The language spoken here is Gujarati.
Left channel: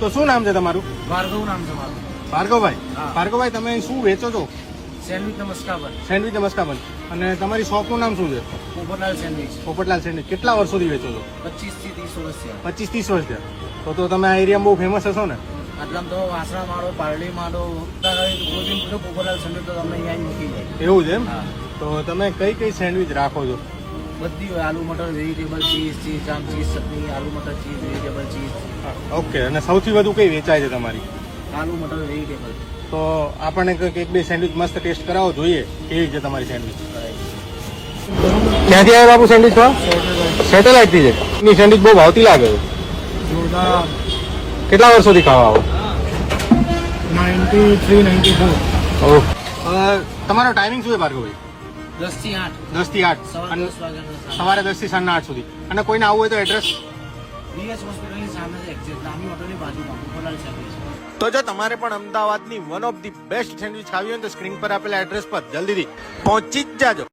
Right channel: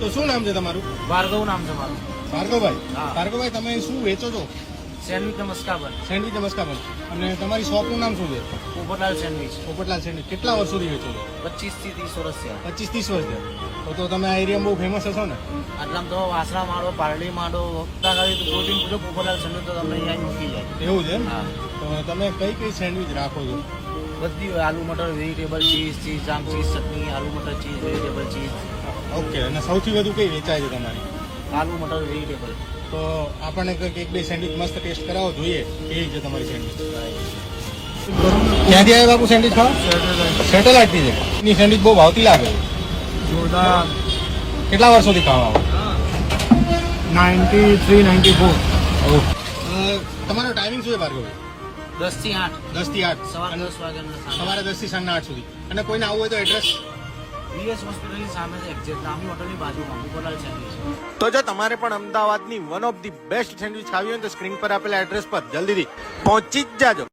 તો શું નામ છે તમારું? ભાર્ગવ નામ છે મારું. ભાર્ગવભાઈ. હા. ભાર્ગવભાઈ, તમે શું વેચો છો? સેન્ડવિચ નમસ્કાર બન. સેન્ડવિચ નમસ્કાર બંધ. અને તમારી શોપનું નામ શું છે? પોપટલાલ સેન્ડવિચ. પોપટલાલ સેન્ડવિચ. કેટલા વર્ષોથી વેચો છો? 25 થી 30 વર્ષ થયા. 25-30 વર્ષ થયા. તો તમે આ એરિયામાં બહુ ફેમસ હશો ને? આટલામાં તો વાસણા મારો, પારડી મારો, કોઈ પૂછો પોપટલાલ સેન્ડવિચ તો તમને અહીંયા મૂકી જાય. એવું છે એમ? હા. તો તમે કઈ કઈ સેન્ડવિચ રાખો છો? બધી આલુ મટર, વેજીટેબલ ચીઝ, આમ ચીઝ ચટણી, આલુ મટર ચીઝ, વેજીટેબલ ચીઝ. ઓકે. અને સૌથી વધુ કઈ વેચાય છે તમારી? આલુ મટર વેજીટેબલ. તો આપણને કંઈક એક બે સેન્ડવિચ મસ્ત ટેસ્ટ કરાવો, જોઈએ કેવી છે તમારી સેન્ડવિચ. ક્યાંથી આવ્યા બાપુ સેન્ડવિચ ખાવા? સેટેલાઇટ થી છે. એની સેન્ડવિચ બહુ ભાવતી લાગે છે. જોરદાર. કેટલા વર્ષોથી ખાવા આવો? 93-94. તમારો ટાઈમિંગ શું છે ભાર્ગવભાઈ? 10 થી 8. 10 થી 8. સવારે 10 વાગ્યાના. સવારે 10 થી સાંજના 8 સુધી. અને કોઈને આવવું હોય તો એડ્રેસ? ડીએસ હોસ્પિટલની સામે છે, એક્ઝેક્ટ રામી હોટલની બાજુમાં પોપટલાલ સેન્ડવિચ. તો જો તમારે પણ અમદાવાદની one of the best sandwich ખાવી હોય તો સ્ક્રીન પર આપેલા એડ્રેસ પર જલ્દીથી પહોંચી જ જાજો.